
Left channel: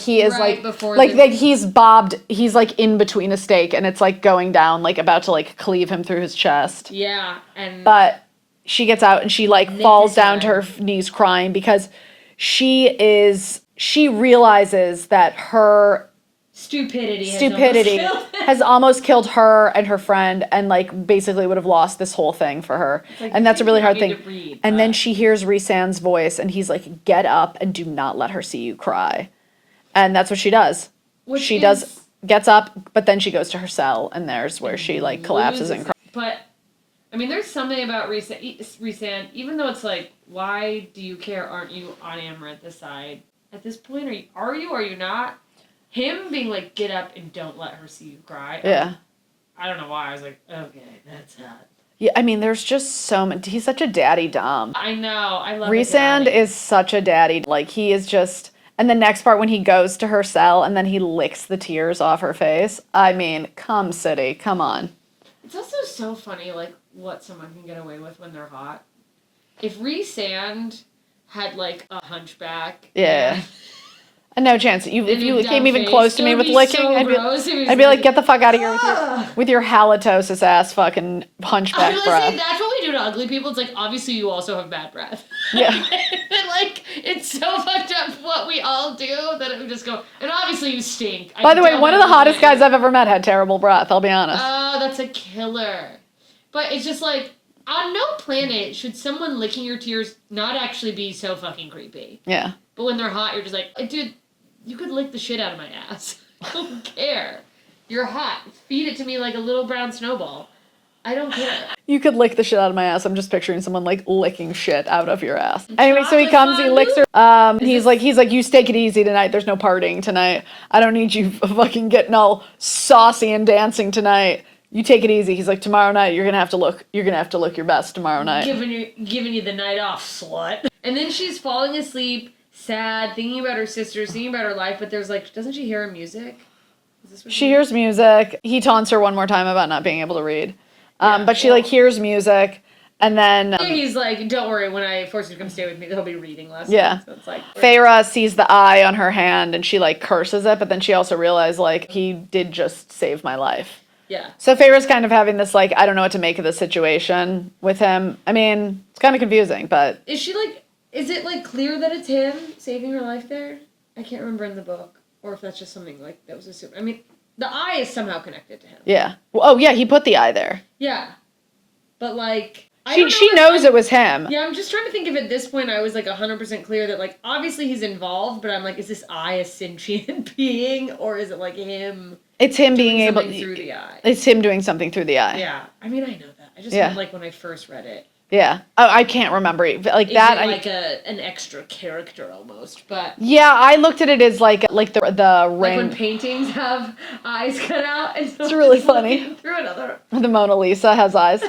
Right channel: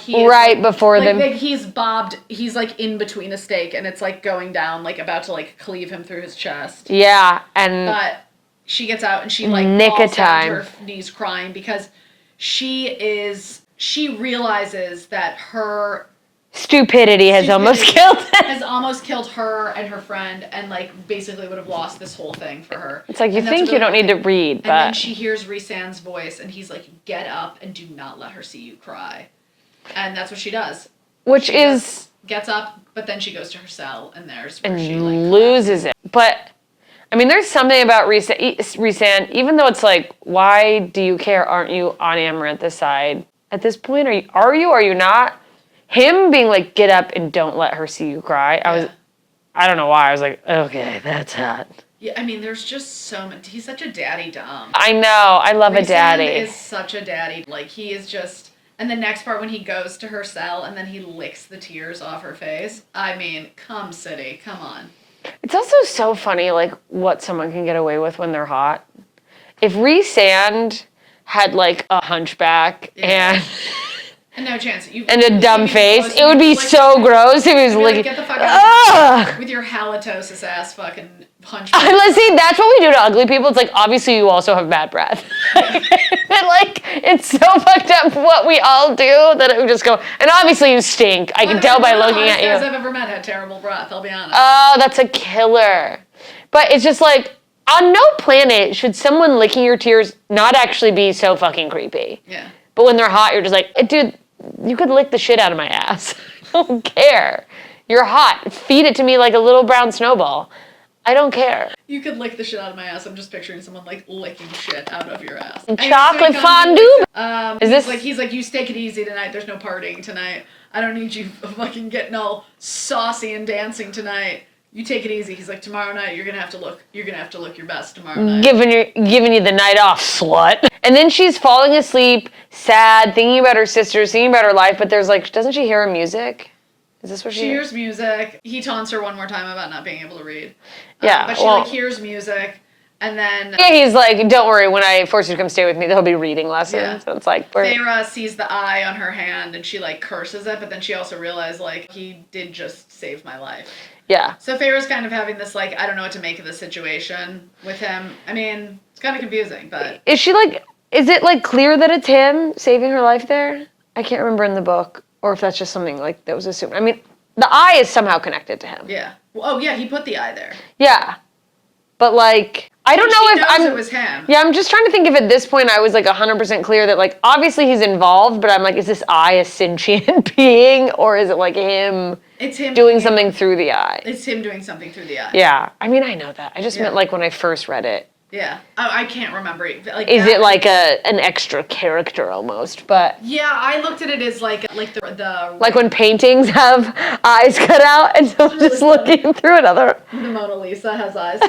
he is right before like he's bobbed. He's like in between a stake, and it's like going down, like about to like cleave him through his chest. Yeah, but she gets out and she like falls down to her knees crying because she realizes that her stupidity has almost killed her and her friend, and like basically would have lost this whole thing for her. It's like, you think you don't need to read. And then she hears Rhysand's voice, and he's like, get up and do not let her see you cry. And that's what she does. Gets up, but then she goes to her cell, and there's where she like loses it. But I mean, there's something about Rhysand, even though it's like, why do you care? Aren't you on Amarantha's side at this point? Are you not? Him being like, get up and don't let her see you cry. I don't know why. I was like, okay, that's hot. Yeah, I mean, there's just so much. He's such a daddy dom. I know. I love a daddy. Rhysand is such a daddy. Like, he is just... And the next part when he goes to her cell and then he licks the tears off her face. I mean, come city. Come on. It's also so funny, like, what someone can get away with when they're hot. If Rhysand had, like, a hunchback and no chance. And a dumb face. It would be so gross if he was I'd be like, get the fuck out of here with your halitosis ass fucking hunchback. Let's see, that's what we do to ugly people. It's like, obviously you also have bad breath. Yeah. And like, it's so fucked up what we all do that it would just go, and obviously you stink. I can tell by looking at you. One of the hottest guys I've ever met had terrible breath, I'll be honest. Oh, that's a killer. But it's just like, on no planet should someone licking your tears not actually be so fucking creepy. Yeah. But when they're hot, you're just like, dude, you could lick the shit out of my ass. I don't care. You're hot. Feed it to me like a little brown snowball. I don't care. You could lick the shit out of my ass. I'm just picturing someone like licking shit out of your ass. Chocolate fondue. He's like, you take it easy tonight. There's no partying tonight. I don't need you fucking getting all saucy and dancing tonight. You take it easy. He's like, tomorrow night you're gonna have to look your best tomorrow night. Giving you the night off, slut. And then she's falling asleep, sad, thinking about her sisters, thinking about her life, but there's like, doesn't she hear music? Is this what she hears music? He taunts her one more time about not being able to read. But she like hears music, And then Yeah, he's like, don't worry, when I force you to come stay with me, there'll be reading lessons. Yeah. So it's like, Feyre sees the eye on her hand and she like curses it, but then she also realized like he did just save my life. yeah. So Feyre's kind of having this like, I don't know what to make of the situation with him. I mean, it's kind of confusing, but Is she like, is it like clear that it's him saving her life there? I can't remember in the book, or if that's just something like that was assumed. I mean, the eye is somehow connected to him. yeah. Oh yeah, he put the eye there. Yeah. But like, I don't know She if knows it was him. Yeah, I'm just trying to think if at this point I was like 100% clear that like, obviously he's involved, but I'm like, is this eye a sentient being, or is it like him It's him doing something through the eye? It's him doing something through the eye. Yeah. I mean, I know that. I just Yeah. meant like when I first read it. Yeah. Oh, I can't remember. Like, Is it like an extra character almost? But yeah, I looked at it as like the like when paintings have eyes cut out and so really just funny. looking through another. the Mona Lisa has eyes.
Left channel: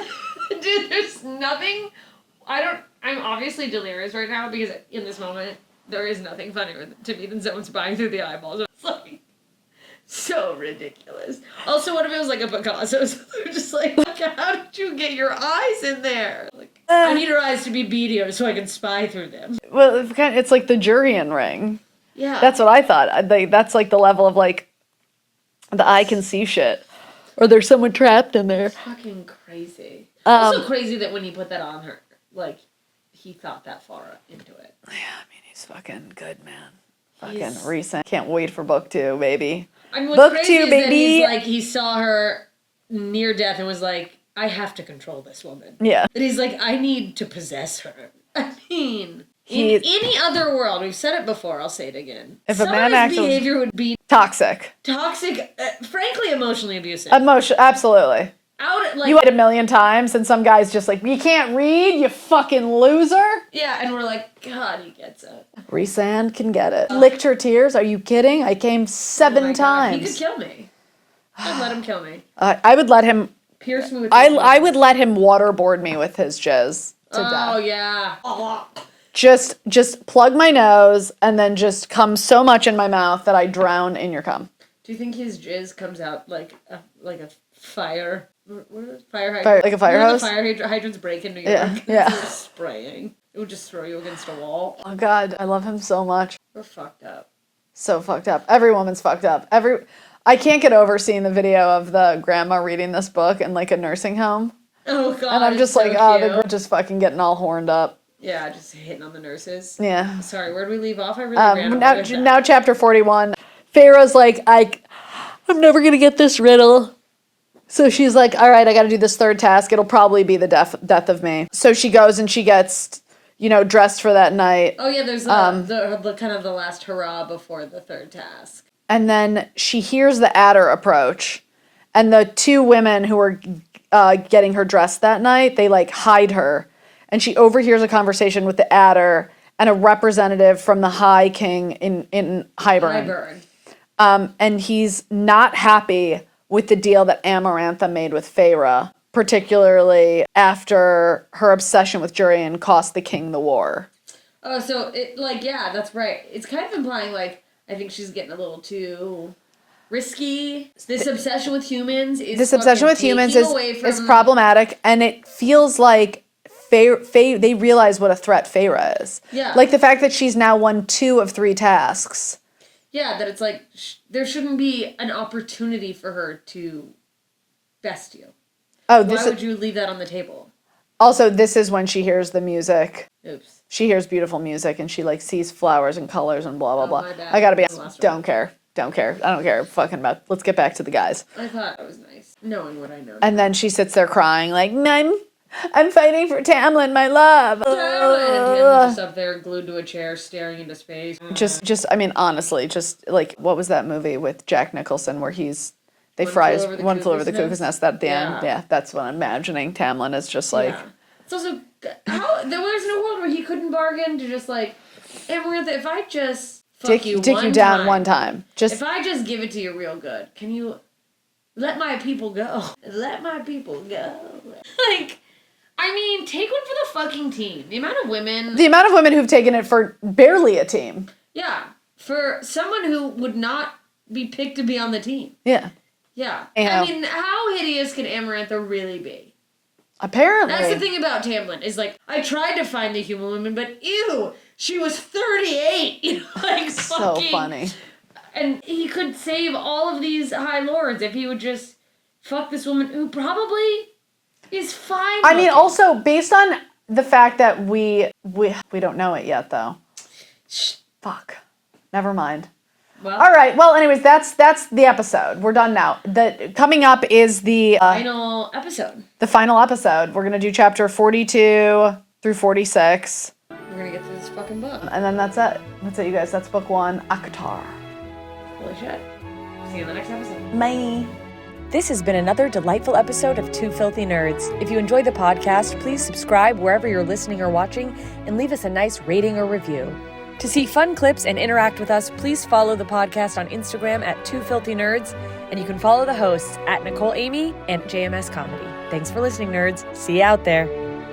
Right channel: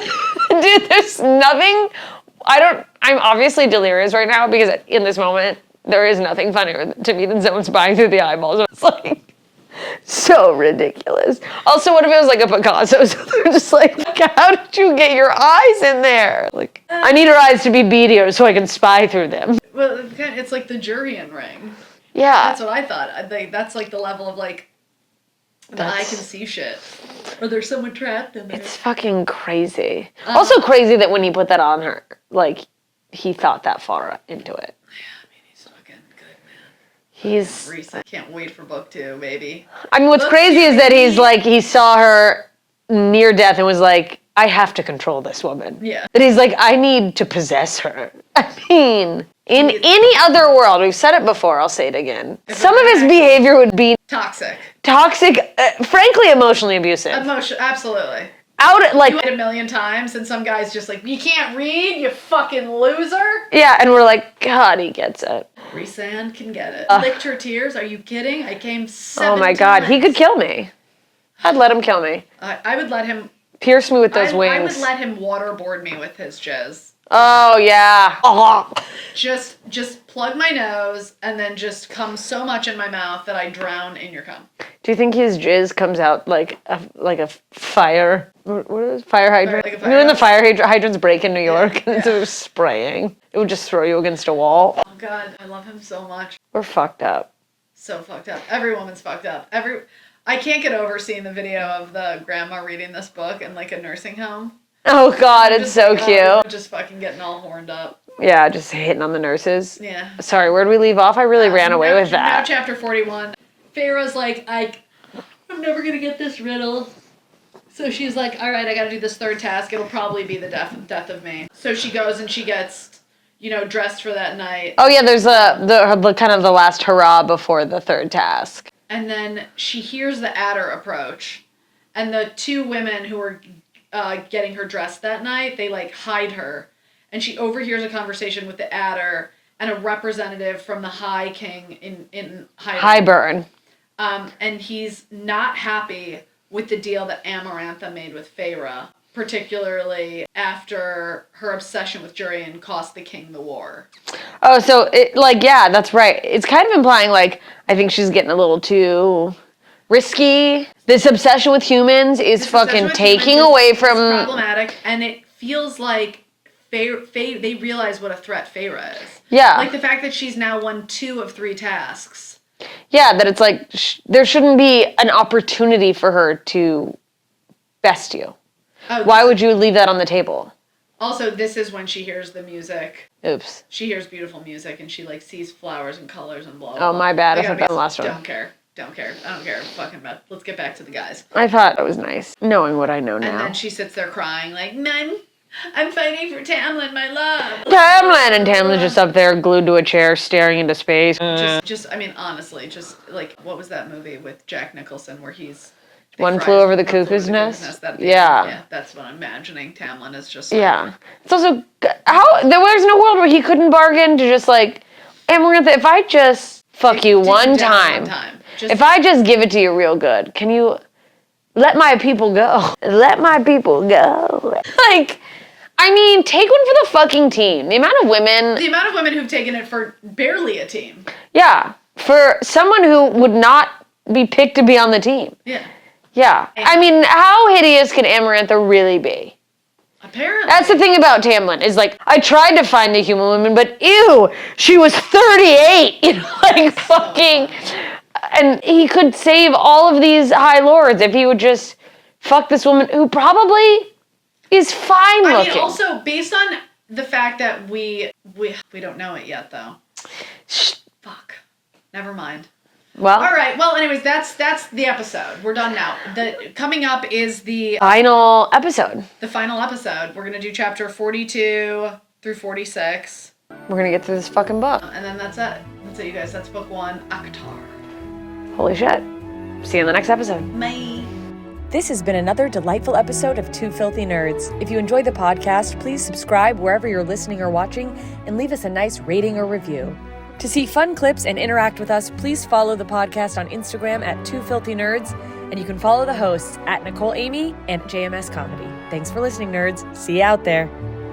Dude, there's nothing. I'm obviously delirious right now because in this moment there is nothing funnier to me than someone spying through the eyeballs. It's like so ridiculous. Also, what if it was like a Picasso? So they're just like, how did you get your eyes in there? Like, I need her eyes to be beadier so I can spy through them. Well, it's like the Jurian ring. Yeah. That's what I thought. That's like the level of like the eye can see shit. Or there's someone trapped in there. It's fucking crazy. Also crazy that when he put that on her, like, he thought that far into it. Yeah, I mean, he's fucking good, man. He's Recent. Can't wait for book 2, baby. I mean, what's Book crazy 2, is that baby. he's like, he saw her near death and was like, I have to control this woman. Yeah. That he's like, I need to possess her. I mean, in any other world, we've said it before, I'll say it again. If a Some of man his actually- behavior would be Toxic. toxic, frankly, emotionally abusive. Absolutely. Out like You wait a million times, and some guy's just like, you can't read, you fucking loser. yeah, and we're like, God, he gets it. Rhysand can get it. Licked her tears. Are you kidding? I came 7 Oh my times. God, he could kill me. I'd let him kill me. I would let him. Pierce me with those wings. I would let him waterboard me with his jizz. Oh yeah. Oh. Just plug my nose and then just come so much in my mouth that I drown in your cum. Do you think his jizz comes out like a fire? What is it? Fire hydrant? Like a fire You know when the hose? fire hydrants break in New York and yeah. they're spraying? It would just throw you against a wall. Oh God, I love him so much. We're fucked up. So fucked up. Every woman's fucked up. I can't get over seeing the video of the grandma reading this book in like a nursing home. Oh God, I'm it's just so like, cute. oh, they're just fucking getting all horned up. Yeah, just hitting on the nurses. Yeah. Sorry, where'd we leave off? I really ran away with that. Now chapter 41. Pharaoh's like, I'm never going to get this riddle. So she's like, all right, I got to do this third task. It'll probably be the death of me. So she goes and she gets, dressed for that night. Oh yeah, there's the kind of the last hurrah before the third task. And then she hears the adder approach. And the 2 women who are getting her dressed that night, they like hide her. And she overhears a conversation with the adder and a representative from the High King in Highburn. And he's not happy with the deal that Amarantha made with Feyre, particularly after her obsession with Jurian cost the king the war. Oh, so yeah, that's right. It's kind of implying like I think she's getting a little too risky. This obsession with humans is fucking taking away from. It's problematic, and it feels like they realize what a threat Feyre is. Yeah, like the fact that she's now won 2 of 3 tasks. Yeah, that it's like there shouldn't be an opportunity for her to best you. Oh, why would you leave that on the table? Also, this is when she hears the music. Oops. She hears beautiful music and she like sees flowers and colors and blah blah blah. Oh, my bad. I gotta be last one. Don't care. I don't care. Fucking about. Let's get back to the guys. I thought it was nice knowing what I know now. And then she sits there crying like, I'm fighting for Tamlin, my love. Tamlin and Tamlin's just up there glued to a chair staring into space. Just I mean, honestly, just like what was that movie with Jack Nicholson where One Flew Over the Cuckoo's Nest? That yeah, that's what I'm imagining. Tamlin is just like It's also there's no world where he couldn't bargain to just like, Amarantha, if I just fuck you one time, if I just give it to you real good, can you let my people go? Let my people go. Like, I mean, take one for the fucking team. The amount of women who've taken it for barely a team. Yeah, for someone who would not be picked to be on the team. Yeah. Yeah. I mean, how hideous can Amarantha really be? Apparently. That's the thing about Tamlin, is like, I tried to find a human woman, but ew, she was 38. You know, like so fucking. funny. And he could save all of these high lords if he would just fuck this woman who probably is fine looking. I mean, also, based on the fact that we don't know it yet, though. Fuck. Never mind. Well, all right. Well, anyways, that's the episode. We're done now. Coming up is the final episode. The final episode. We're gonna do chapter 42 through 46. We're gonna get through this fucking book. And then that's it. That's it, you guys. That's book 1, ACOTAR. Holy shit. See you in the next episode. Bye. This has been another delightful episode of Two Filthy Nerds. If you enjoyed the podcast, please subscribe wherever you're listening or watching and leave us a nice rating or review. To see fun clips and interact with us, please follow the podcast on Instagram at Two Filthy Nerds, and you can follow the hosts at Nicole Amy and JMS Comedy. Thanks for listening, nerds. See you out there.